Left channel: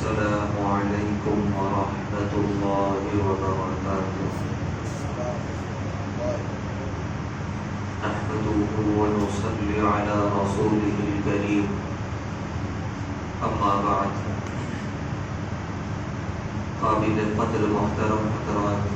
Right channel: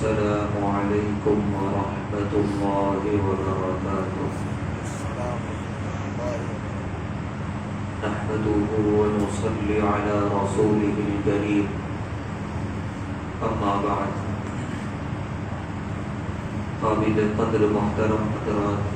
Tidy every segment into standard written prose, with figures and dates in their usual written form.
السلام علیکم ورحمۃ اللہ وبرکاتہ۔ نحمده ونصلي على رسوله الكريم، اما بعد۔ قابل قدر محترم حضرات،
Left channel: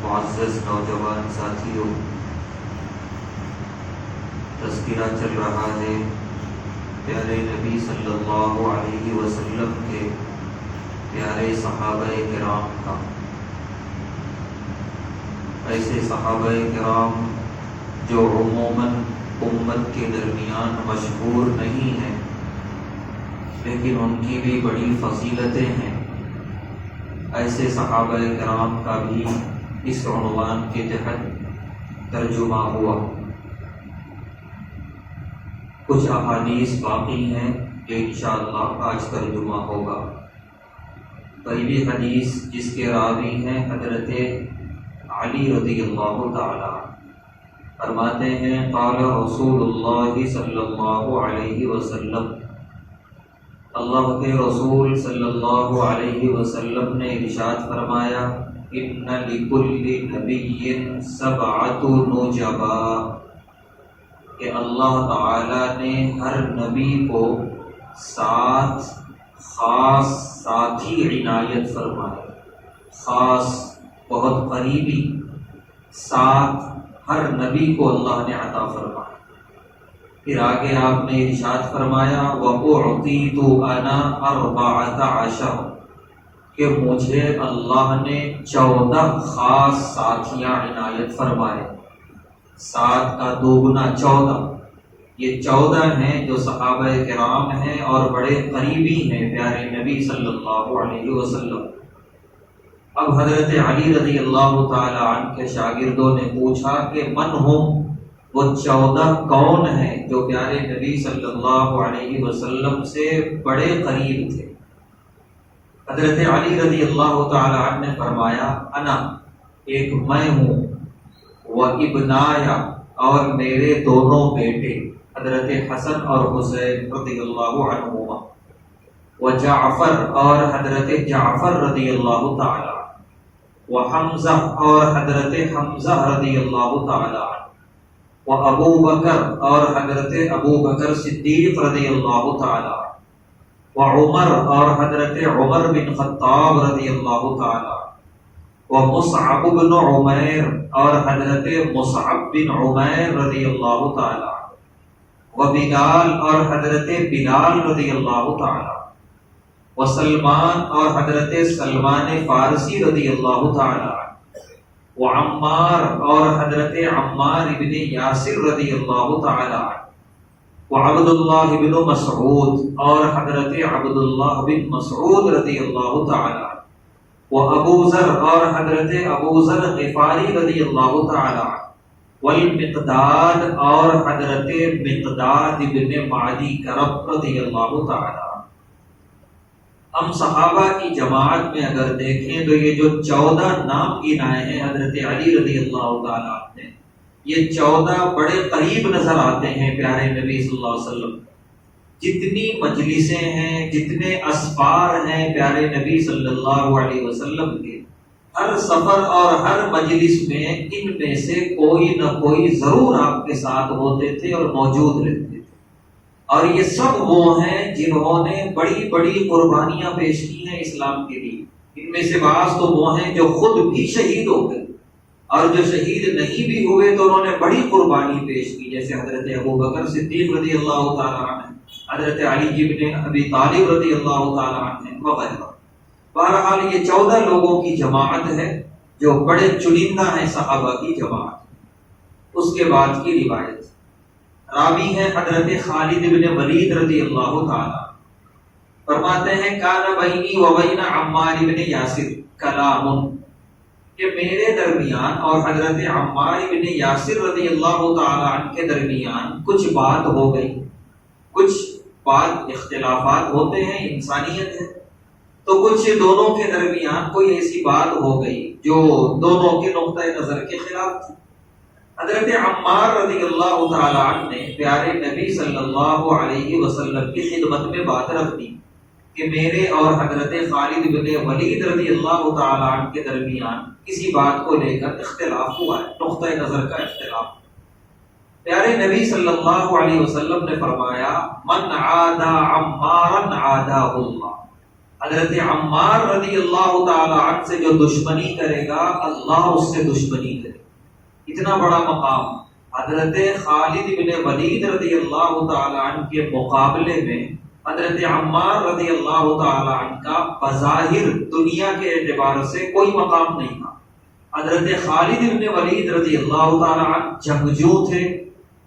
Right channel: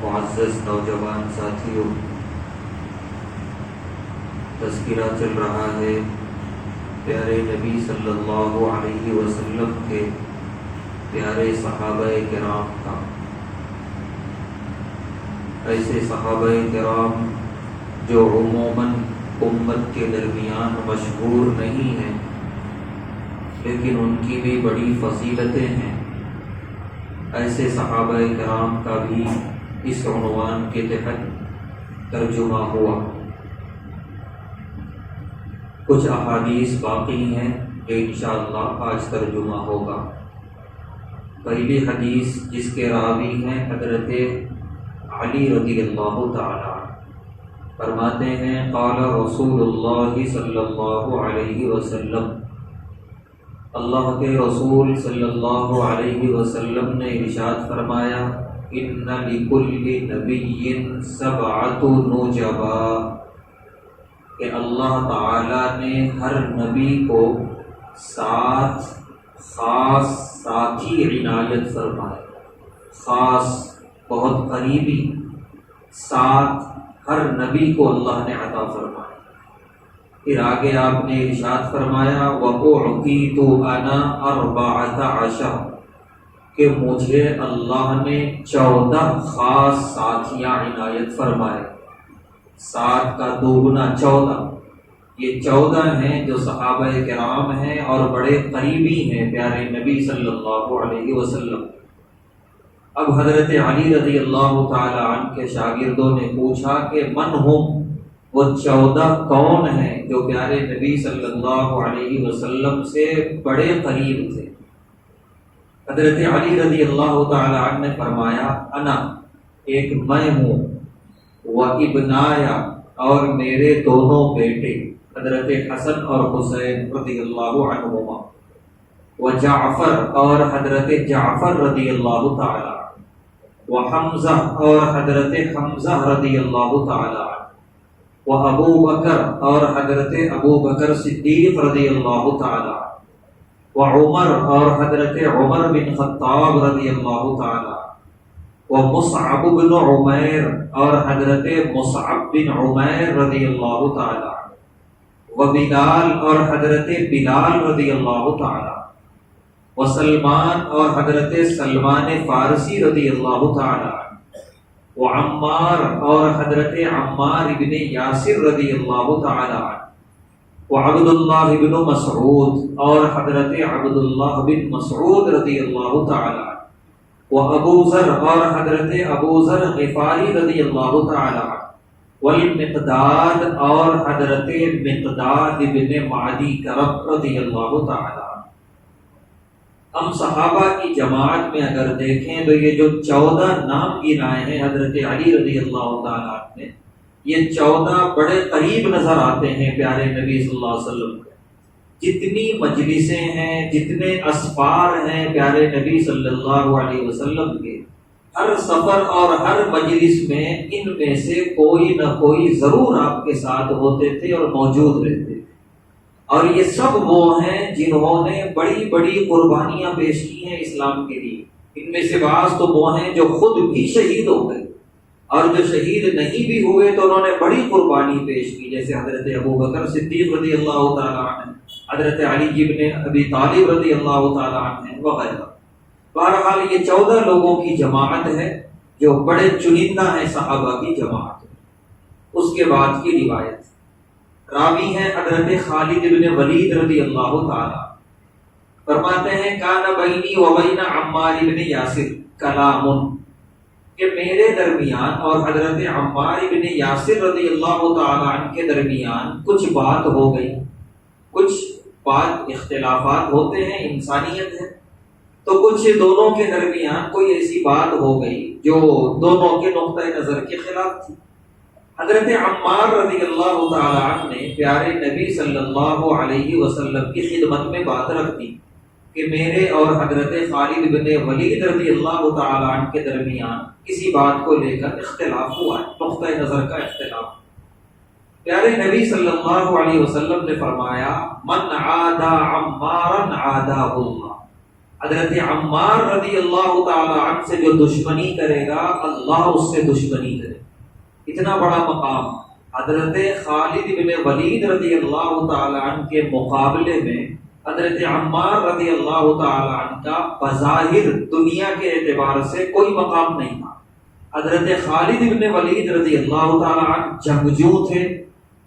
معزز نوجوان ساتھیوں، تذکرہ چل رہا ہے پیارے نبی صلی اللہ علیہ وسلم کے پیارے صحابہ کرام کا۔ ایسے صحابہ کرام جو عموماً امت کے درمیان مشہور نہیں ہیں، لیکن ان کی بھی بڑی فضیلتیں ہیں، ایسے صحابہ کرام کا بھی اس عنوان کے تحت ترجمہ ہوا۔ کچھ احادیث باقی ہیں جو انشاءاللہ آج ترجمہ ہوگا۔ پہلی حدیث جس کے راوی ہیں حضرت علی رضی اللہ تعالی، فرماتے ہیں قال رسول اللہ صلی اللہ علیہ وسلم، اللہ کے رسول صلی اللہ علیہ وسلم نے ارشاد فرمایا ان لکل نبی سبعۃ نجبا، کہ اللہ تعالیٰ نے ہر نبی کو 7 خاص ساتھی عنایت فرمائے، خاص بہت قریبی 7 ہر نبی کو اللہ نے عطا فرمائے۔ پھر آگے آپ نے ارشاد فرمایا وَأُعْطِيتُ أَنَا 14، کہ مجھے اللہ نے 14 خاص ساتھیاں عنایت فرمائے، 7 کا دوگنا 14۔ یہ 14 ہیں جو صحابہ کرام ہیں اور بڑے قریبی ہیں پیارے نبی صلی اللہ علیہ وسلم۔ اب حضرت علی رضی اللہ تعالی عنہ کے شاگردوں نے پوچھا کہ من ہم، وہ 14 کون ہیں جو پیارے نبی صلی اللہ علیہ وسلم سے بڑے قریب تھے؟ حضرت علی رضی اللہ تعالی عنہ نے فرمایا انا، ایک میں ہوں، وابنایا، اور میرے دونوں بیٹے حضرت حسن اور حسین رضی اللہ عنہما، وجعفر، اور حضرت جعفر رضی اللہ تعالی، وحمزہ، اور حضرت حمزہ رضی اللہ تعالی، وابو بکر، اور حضرت ابو بکر صدیق رضی اللہ تعالی، وعمر، اور حضرت عمر بن خطاب رضی اللہ تعالی، ومصعب بن عمیر، اور حضرت مصعب بن عمیر رضی اللہ تعالی، وبلال، اور حضرت بلال رضی اللہ تعالی، وسلمان، اور حضرت سلمان فارسی رضی اللہ تعالی، وعمار، اور حضرت عمار بن یاسر رضی اللہ تعالی، وعبد اللہ بن مسعود، اور حضرت عبد اللہ بن مسعود رضی اللہ تعالی، وابو ذر، اور حضرت ابو ذر غفاری رضی اللہ تعالی، والمقداد، اور حضرت مقداد بن معدی کرب رضی اللہ تعالی۔ ہم صحابہ کی جماعت میں اگر دیکھیں تو یہ جو 14 نام گنائے ہیں حضرت علی رضی اللہ تعالیٰ نے، یہ 14 بڑے قریب نظر آتے ہیں پیارے نبی صلی اللہ علیہ وسلم۔ جتنی مجلسیں ہیں، جتنے اسفار ہیں پیارے نبی صلی اللہ علیہ وسلم کے، ہر سفر اور ہر مجلس میں ان میں سے کوئی نہ کوئی ضرور آپ کے ساتھ ہوتے تھے اور موجود رہتے تھے۔ اور یہ سب وہ ہیں جنہوں نے بڑی بڑی قربانیاں پیش کی ہیں اسلام کے لیے۔ ان میں سے بعض تو وہ ہیں جو خود بھی شہید ہو گئے، اور جو شہید نہیں بھی ہوئے تو انہوں نے بڑی قربانی پیش کی، جیسے حضرت ابو بکر صدیق رضی اللہ تعالیٰ عنہ، حضرت علی بن ابی طالب رضی اللہ تعالیٰ عنہ، وغیرہ۔ بہرحال یہ 14 لوگوں کی جماعت ہے جو بڑے چنندہ ہیں صحابہ کی جماعت۔ اس کے بعد کی روایت، راوی ہیں حضرت خالد بن ولید رضی اللہ تعالی، فرماتے ہیں کان بینی و بین عمار بن یاسر کلام، کہ میرے درمیان اور حضرت عمار بن یاسر رضی اللہ تعالی عنہ کے درمیان کچھ بات ہو گئی، کچھ بات اختلافات ہوتے ہیں، انسانیت ہے، تو کچھ دونوں کے درمیان کوئی ایسی بات ہو گئی جو دونوں کے نقطۂ نظر کے خلاف تھی۔ حضرت عمار رضی اللہ تعالیٰ عنہ نے پیارے نبی صلی اللہ علیہ وسلم کی خدمت میں بات رکھ دی کہ میرے اور حضرت خالد بن ولید رضی اللہ تعالی عنہ کے درمیان کسی بات کو لے کر اختلاف ہوا ہے، نقطۂ نظر کا اختلاف۔ پیارے نبی صلی اللہ علیہ وسلم نے فرمایا من عادى عمارا عاداه اللہ، حضرت عمار رضی اللہ تعالی عنہ سے جو دشمنی کرے گا اللہ اس سے دشمنی کرے گا۔ اتنا بڑا مقام حضرت خالد بن ولید رضی اللہ تعالی عنہ کے مقابلے میں حضرت عمار رضی اللہ تعالی عنہ کا بظاہر دنیا کے اعتبار سے کوئی مقام نہیں تھا۔ حضرت خالد بن ولید رضی اللہ تعالی عنہ جنگجو تھے،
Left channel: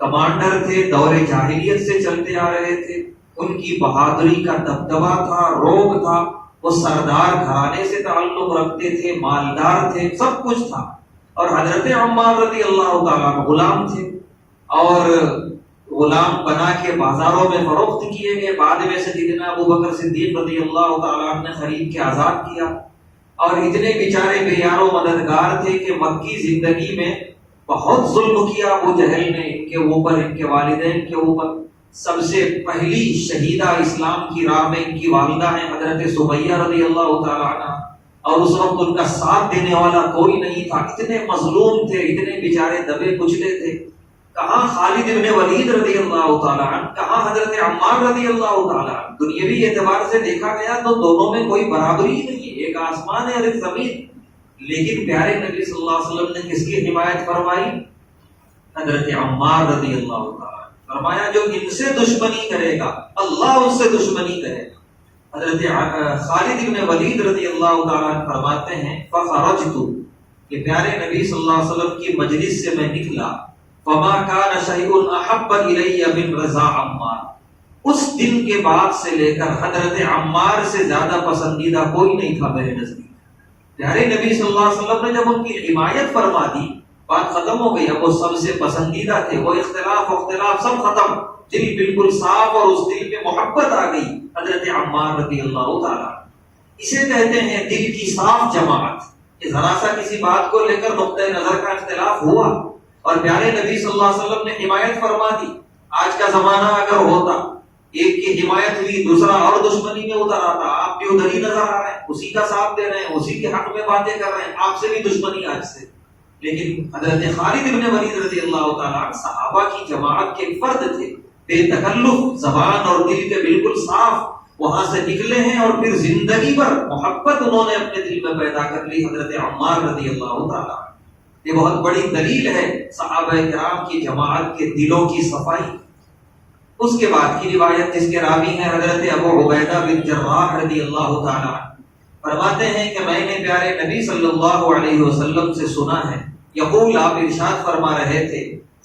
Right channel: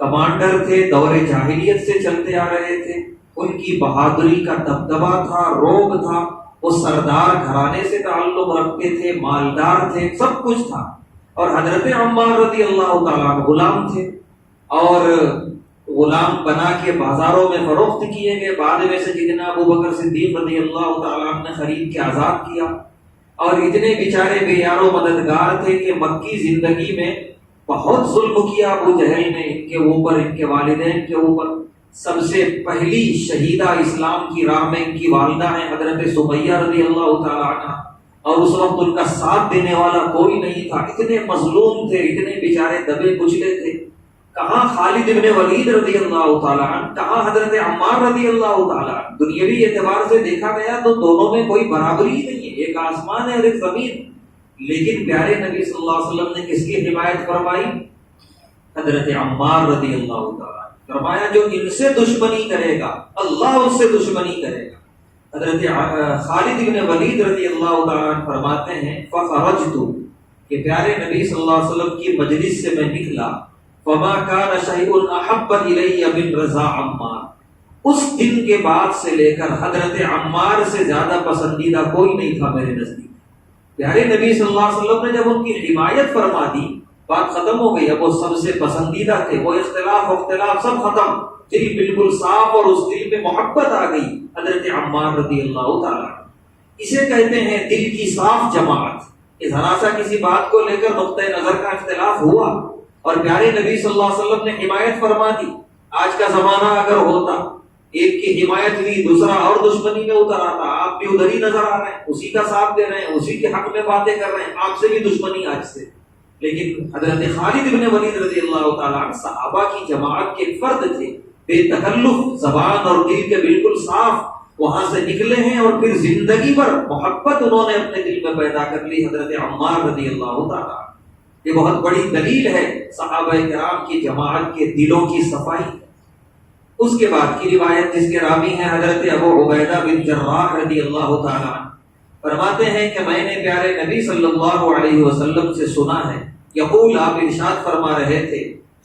کمانڈر تھے، دور جاہلیت سے چلتے آ رہے تھے، ان کی بہادری کا دبدبا تھا، روب تھا، وہ سردار گھرانے سے تعلق رکھتے تھے، مالدار تھے، سب کچھ تھا۔ اور حضرت عمار رضی اللہ تعالیٰ عنہ غلام تھے، اور غلام بنا کے بازاروں میں فروخت کیے گئے، بعد میں سیدنا ابو بکر صدیق رضی اللہ تعالیٰ عنہ نے خرید کے آزاد کیا۔ اور اتنے بیچارے بے یار و مددگار تھے کہ مکی زندگی میں بہت ظلم کیا ابو جہل نے ان کے اوپر، ان کے والدین کے اوپر۔ سب سے پہلی شہیدہ اسلام کی راہ میں ان کی والدہ ہیں حضرت سمیہ رضی اللہ تعالیٰ عنہ، اور اس وقت ان کا ساتھ دینے والا کوئی نہیں تھا، اتنے مظلوم تھے، اتنے بیچارے دبے کچلے تھے۔ کہاں خالد بن ولید رضی اللہ تعالیٰ عنہ، کہاں حضرت عمار رضی اللہ تعالیٰ عنہ۔ دنیاوی اعتبار سے دیکھا گیا تو دونوں میں کوئی برابری ہی نہیں ہے، ایک آسمان ہے اور ایک زمین۔ لیکن پیارے نبی صلی اللہ علیہ وسلم نے کس کی حمایت فرمائی؟ حضرت عمار رضی اللہ تعالیٰ عنہ۔ فرمایا جو ان سے دشمنی کرے گا اللہ اس سے دشمنی کرے گا۔ حضرت خالد بن ولید رضی اللہ تعالیٰ عنہ فرماتے ہیں فخرجت، کہ پیارے نبی صلی اللہ علیہ وسلم کی مجلس سے میں نکلا، فما كان شيء احب الي من رضا عمار، اس دن کے بعد سے لے کر حضرت عمار سے زیادہ پسندیدہ کوئی نہیں تھا میرے نزدیک۔ پیارے نبی صلی اللہ علیہ وسلم نے جب ان کی حمایت فرما دی، بات ختم ہو گئی، اب وہ سب سے پسندیدہ تھے، وہ اختلاف سب ختم، دل بالکل صاف، اور اس دل پہ محبت آ گئی حضرت عمار رضی اللہ تعالیٰ۔ اسے کہتے ہیں دل کی صاف جماعت۔ ذرا سا کسی بات کو لے کر نقطۂ نظر کا اختلاف ہوا اور پیارے نبی صلی اللہ علیہ وسلم نے حمایت فرما دی۔ آج کا زمانہ اگر ہوتا، ایک کی حمایت ہوئی دوسرا اور دشمنی میں اتر آتا، آپ بھی ادھر ہی نظر آ رہے ہیں، اسی کا ساتھ دے رہے ہیں، اسی کے حق میں باتیں کر رہے ہیں، آپ سے بھی دشمنی آج سے۔ لیکن حضرت خالد بن ولید رضی اللہ تعالیٰ عنہ صحابہ کی جماعت کے فرد تھے، بے تکلف، زبان اور دل کے بالکل صاف، وہاں سے نکلے ہیں اور پھر زندگی بھر محبت انہوں نے اپنے دل میں پیدا کر لی حضرت عمار رضی اللہ تعالیٰ عنہ۔ یہ بہت بڑی دلیل ہے صحابہ کرام کی جماعت کے دلوں کی صفائی۔ اس کے بعد کی روایت جس کے راوی ہیں حضرت ابو عبیدہ بن جراح رضی اللہ تعالیٰ عنہ، فرماتے ہیں کہ میں نے پیارے نبی صلی اللہ علیہ وسلم سے سنا ہے، یقول، آپ ارشاد فرما رہے تھے،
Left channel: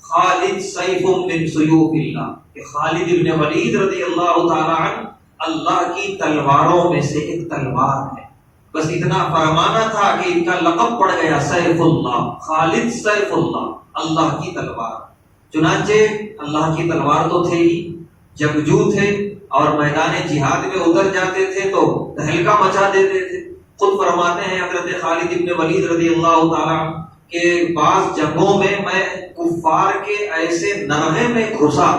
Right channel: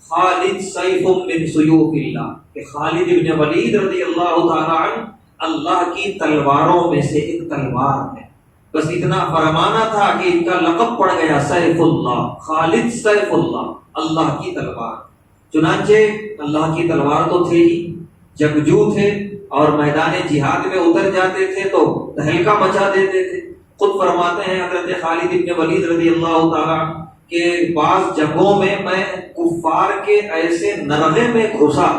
خالد سیف من سیوف اللہ، کہ خالد بن ولید رضی اللہ تعالیٰ عنہ اللہ کی تلواروں میں سے ایک تلوار ہے۔ بس اتنا فرمانا تھا کہ ان کا لقب پڑ گیا سیف اللہ، خالد سیف اللہ، اللہ کی تلوار۔ چنانچہ اللہ کی تلوار تو تھے ہی، جنگجو تھے، اور میدان جہاد میں اتر جاتے تھے تو تہلکہ مچا دیتے تھے۔ خود فرماتے ہیں حضرت خالد بن ولید رضی اللہ تعالیٰ عنہ کہ بعض جگہوں میں کفار کے ایسے نرغے میں گھسا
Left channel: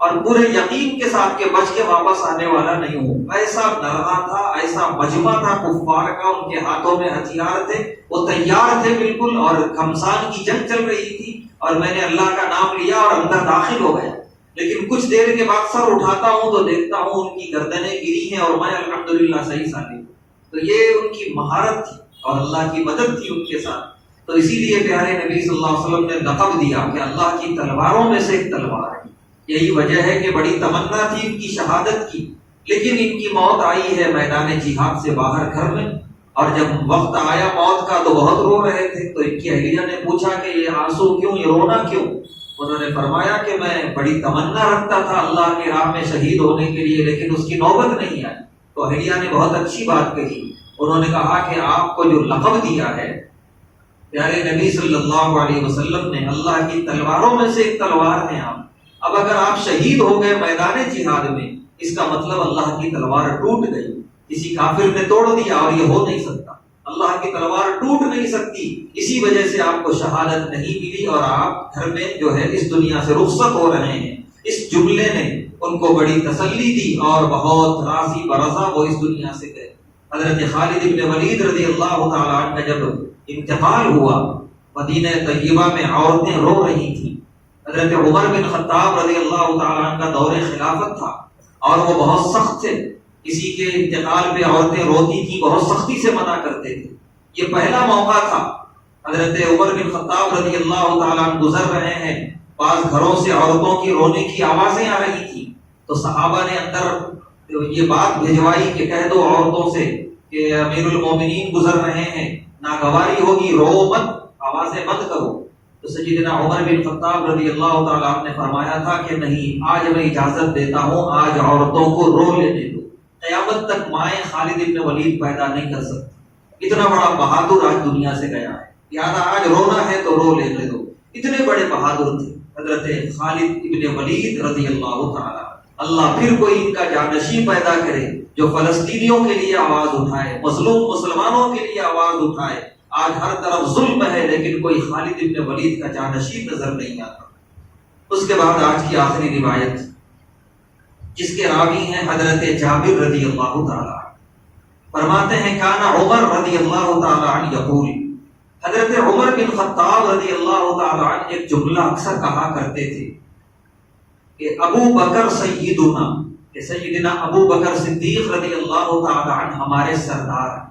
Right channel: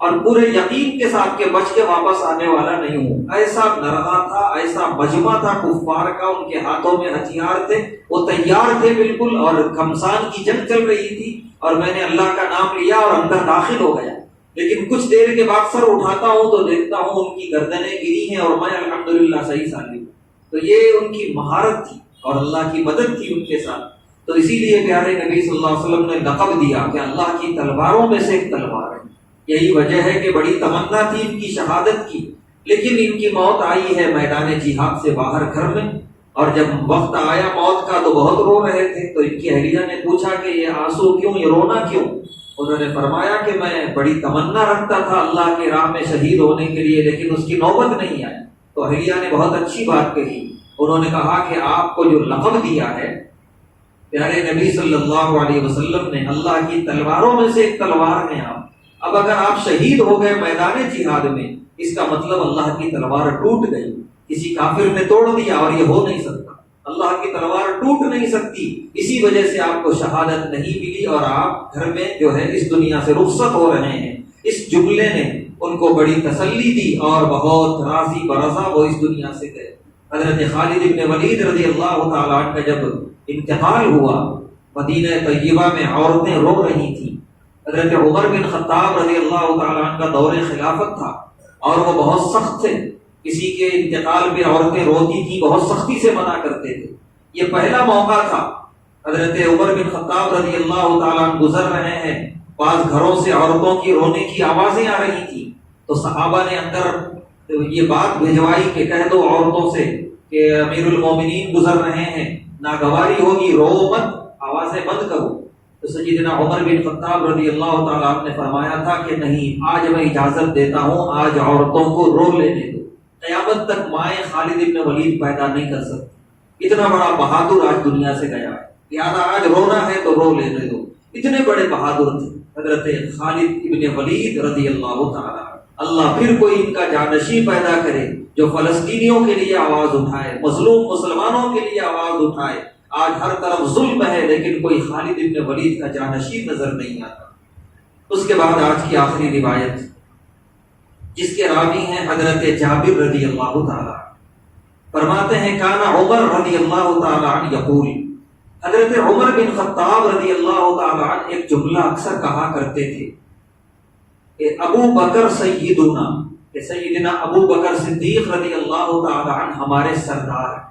اور پورے یقین کے ساتھ کہ بچ کے واپس آنے والا نہیں ہوں، ایسا نرغا تھا، ایسا مجمع تھا کفار کا، ان کے ہاتھوں میں ہتھیار تھے، وہ تیار تھے بالکل، اور گھمسان کی جنگ چل رہی تھی، اور میں نے اللہ کا نام لیا اور اندر داخل ہو گیا۔ لیکن کچھ دیر کے بعد سر اٹھاتا ہوں تو دیکھتا ہوں ان کی گردنیں گری ہیں اور میں الحمدللہ صحیح سالم۔ تو یہ ان کی مہارت تھی اور اللہ کی مدد تھی ان کے ساتھ۔ تو اسی لیے پیارے نبی صلی اللہ علیہ وسلم نے لقب دیا کہ اللہ کی تلواروں میں سے ایک تلوار ہے۔ یہی وجہ ہے کہ بڑی تمنا تھی ان کی شہادت کی، لیکن ان کی موت آئی ہے میدان جہاد سے باہر گھر میں، اور جب وقت آیا موت کا تو بہت رو رہے تھے۔ تو ان کی اہلیہ نے پوچھا کہ یہ آنسو کیوں، یہ رونا کیوں؟ انہوں نے فرمایا کہ میں بڑی تمنا رکھتا تھا اللہ کے راہ میں شہید ہونے کے لیے، لیکن اس کی نوبت نہیں آئی۔ تو اہلیہ نے بہت اچھی بات کہی، انہوں نے کہا کہ آپ کو جو لقب دیا ہے پیارے نبی صلی اللہ علیہ وسلم نے، اللہ کی تلواروں میں سے ایک تلوار ہیں آپ، اب اگر آپ شہید ہو گئے میدان جہاد میں، اس کا مطلب اللہ کی تلوار ٹوٹ گئی، کسی کافر نے توڑ دیا، اور یہ ہو نہیں سکتا، اللہ کی تلوار ٹوٹ نہیں سکتی، اسی وجہ سے آپ کو شہادت نہیں ملی اور آپ گھر میں جو ہے اس دنیا سے رخصت ہو رہے ہیں۔ اس جملے نے ان کو بڑی تسلی دی اور بہت راضی برضا وہ اس دنیا سے گئے۔ حضرت خالد ابن ولید رضی اللہ تعالیٰ عنہ کا جب انتقال ہوا، مدینہ طیبہ میں عورتیں رو رہی تھیں۔ حضرت عمر بن خطاب رضی اللہ تعالیٰ عنہ کا دور خلافت تھا اور وہ بہت سخت تھے، کسی کے انتقال پہ عورتیں روتی تھیں، بہت سختی سے منع کرتے تھے۔ یہ پہلا موقع تھا، حضرت عمر بن خطاب رضی اللہ تعالیٰ عنہ گزر رہے ہیں، بعض گھروں سے عورتوں کی رونے کی آوازیں آ رہی تھیں، تو صحابہ نے اندر یہ بات بھجوائی کہ کہہ دو عورتوں سے کہ امیر المومنین گزر رہے ہیں، ناگواری ہوگی، رو مت، آوازیں بند کرو۔ تو سیدنا عمر بن خطاب رضی اللہ تعالیٰ عنہ نے فرمایا تھا کہ نہیں، آج میں اجازت دیتا ہوں، آج عورتوں کو رو لینے دو، قیامت تک مائیں خالد ابن ولید پیدا نہیں کر سکتی۔ اتنا بڑا بہادر آج دنیا سے گیا ہے، لہٰذا آج رونا ہے تو رو لینے دو۔ اتنے بڑے بہادر تھے حضرت خالد ابن ولید رضی اللہ تعالیٰ۔ اللہ پھر کوئی ان کا جانشین پیدا کرے جو فلسطینیوں کے لیے آواز اٹھائے، مظلوم مسلمانوں کے لیے آواز اٹھائے۔ آج ہر طرف ظلم ہے لیکن کوئی خالد ابن ولید کا جانشین نظر نہیں آتا۔ اس کے بعد آج کی آخری روایت جس کے راوی ہیں حضرت جابر رضی اللہ تعالیٰ، فرماتے ہیں کان عمر رضی اللہ تعالیٰ عنہ یقول، حضرت عمر بن خطاب رضی اللہ تعالیٰ عنہ ایک جملہ اکثر کہا کرتے تھے کہ ابو بکر سیدنا، کہ سیدنا ابو بکر صدیق رضی اللہ تعالیٰ عنہ ہمارے سردار ہیں۔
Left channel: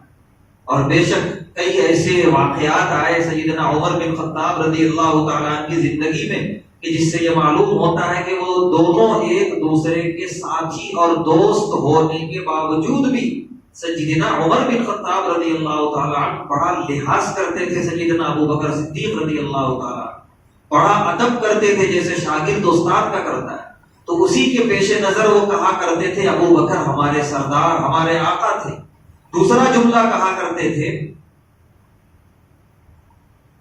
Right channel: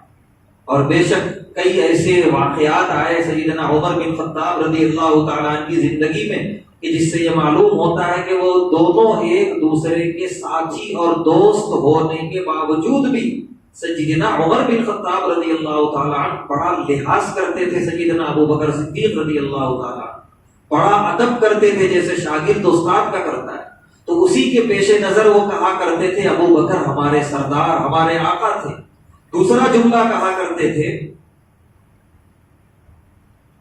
اور بے شک کئی ایسے واقعات آئے سیدنا عمر بن خطاب رضی اللہ تعالیٰ عنہ کی زندگی میں کہ جس سے یہ معلوم ہوتا ہے کہ وہ دونوں ایک دوسرے کے ساتھی اور دوست ہونے کے باوجود بھی سیدنا عمر بن خطاب رضی اللہ تعالیٰ عنہ بڑا لحاظ کرتے تھے سیدنا ابو بکر صدیق رضی اللہ تعالیٰ عنہ، بڑا ادب کرتے تھے جیسے شاگرد استاد کا کرتا ہے۔ تو اسی کے پیش نظر وہ کہا کرتے تھے ابو بکر ہمارے سردار، ہمارے آقا تھے۔ دوسرا جملہ کہا کرتے تھے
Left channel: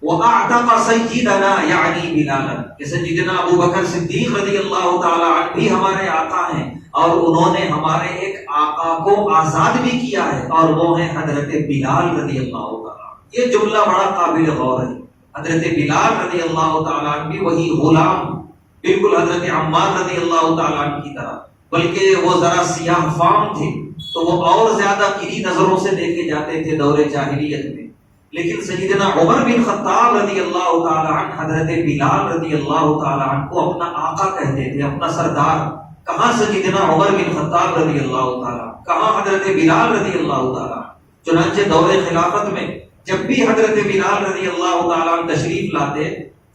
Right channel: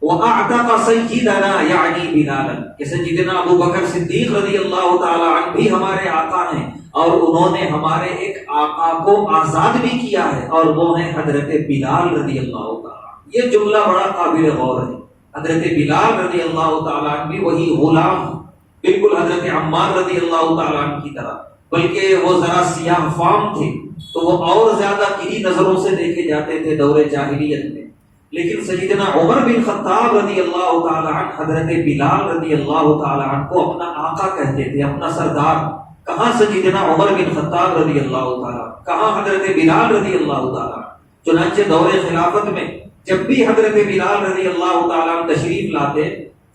وَأَعْتَقَ سَيِّدَنَا یعنی بلالا، کہ سیدنا ابو بکر صدیق رضی اللہ تعالیٰ عنہ بھی ہمارے آقا ہیں اور انہوں نے ہمارے ایک آقا کو آزاد بھی کیا ہے اور وہ ہیں حضرت بلال رضی اللہ تعالیٰ۔ یہ جملہ بڑا قابل غور ہے۔ حضرت بلال رضی اللہ تعالیٰ عنہ بھی وہی غلام، بالکل حضرت عمار رضی اللہ تعالیٰ عنہ کی طرح، بلکہ وہ ذرا سیاہ فام تھے تو وہ اور زیادہ کڑی نظروں سے دیکھے جاتے تھے دور جاہلیت میں۔ لیکن سیدنا عمر بن خطاب رضی اللہ تعالیٰ عنہ حضرت بلال رضی اللہ تعالیٰ عنہ کو اپنا آقا کہتے تھے، اپنا سردار۔ کہاں سیدنا عمر بن خطاب رضی اللہ تعالیٰ، کہاں حضرت بلال رضی اللہ تعالیٰ۔ چنانچہ دور خلافت میں جب بھی حضرت بلال رضی اللہ تعالیٰ عنہ تشریف لاتے،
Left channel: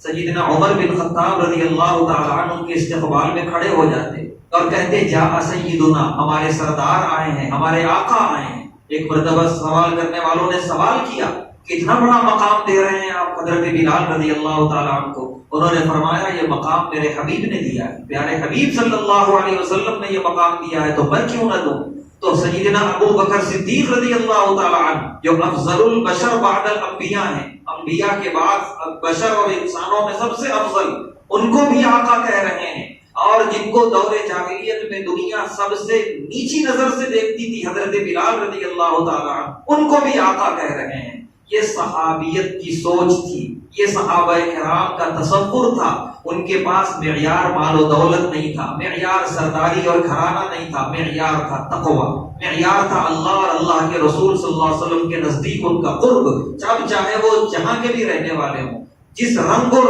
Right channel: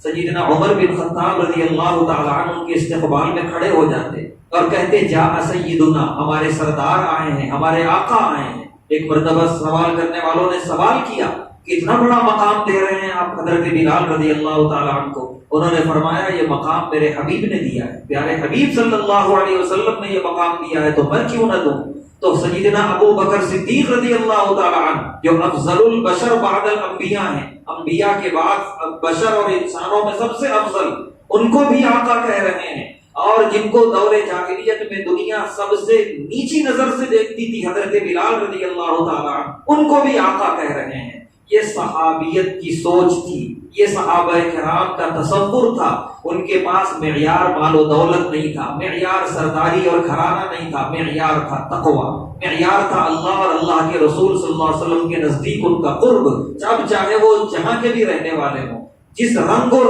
سیدنا عمر بن خطاب رضی اللہ تعالیٰ عنہ ان کے استقبال میں کھڑے ہو جاتے اور کہتے جاء سیدنا، ہمارے سردار آئے ہیں، ہمارے آقا آئے ہیں۔ ایک مرتبہ سوال کرنے والوں نے سوال کیا کتنا بڑا مقام دے رہے ہیں آپ حضرت بلال رضی اللہ تعالیٰ عنہ کو؟ انہوں نے فرمایا یہ مقام میرے حبیب نے دیا ہے، پیارے حبیب صلی اللہ علیہ وسلم نے یہ مقام دیا ہے تو میں کیوں نہ دوں؟ تو سیدنا ابو بکر صدیق رضی اللہ تعالیٰ عنہ جو افضل البشر بعد الانبیاء ہیں، انبیاء کے بعد بشر اور انسانوں میں سب سے افضل، ان کو بھی آقا کہہ رہے ہیں۔ اور جن کو دور جاہلیت میں دنیا سب سے نیچی نظر سے دیکھتی تھی حضرت بلال رضی اللہ تعالیٰ عنہ، ان کو بھی آقا کہہ رہے ہیں۔ یہ صحابیت کی سوچ تھی، یہ صحابہ کرام کا تصور تھا۔ ان کے پاس معیار مال و دولت نہیں تھا، معیار سرداری اور گھرانہ نہیں تھا، معیار تھا تقویٰ، معیار تھا اللہ اور اللہ کے رسول صلی اللہ علیہ وسلم کے نزدیک ان کا قرب۔ جب چاہے وہ جہاں کے بھی رہنے والے ہوں، جس رنگ و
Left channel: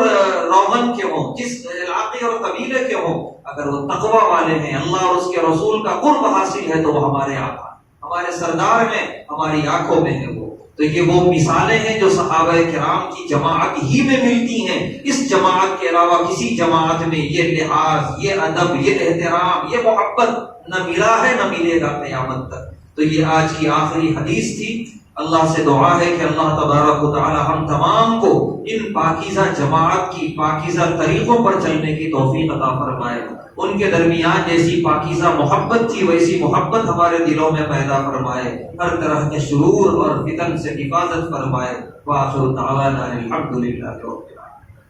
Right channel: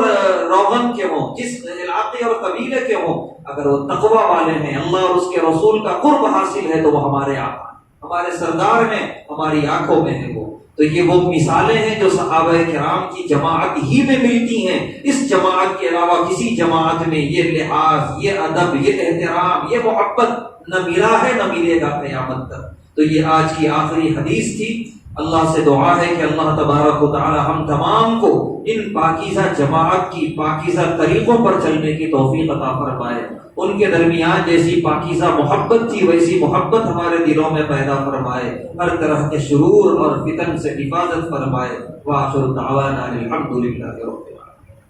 روغن کے ہوں، جس علاقے اور قبیلے کے ہوں، اگر وہ تقویٰ والے ہیں، اللہ اور اس کے رسول کا قرب حاصل ہے تو وہ ہمارے آقا، ہمارے سردار ہیں، ہماری آنکھوں میں ہے وہ۔ تو یہ وہ مثالیں ہیں جو صحابہ کرام کی جماعت ہی میں ملتی ہیں۔ اس جماعت کے علاوہ کسی جماعت میں یہ لحاظ، یہ ادب، یہ احترام، یہ محبت نہ ملا ہے، نہ ملے گا قیامت تک۔ تو یہ آج کی آخری حدیث تھی۔ اللہ سے دعا ہے کہ اللہ تبارک و تعالی ہم تمام کو ان پاکیزہ جماعت کی پاکیزہ طریقوں پر چلنے کی توفیق عطا فرمائے۔ ان کے درمیان جیسی پاکیزہ محبت تھی ویسی محبت ہمارے دلوں میں پیدا فرمائے، ہر طرح کے شرور اور فتن سے حفاظت فرمائے۔ وآخر دعوانا الحمدللہ رب العالمین۔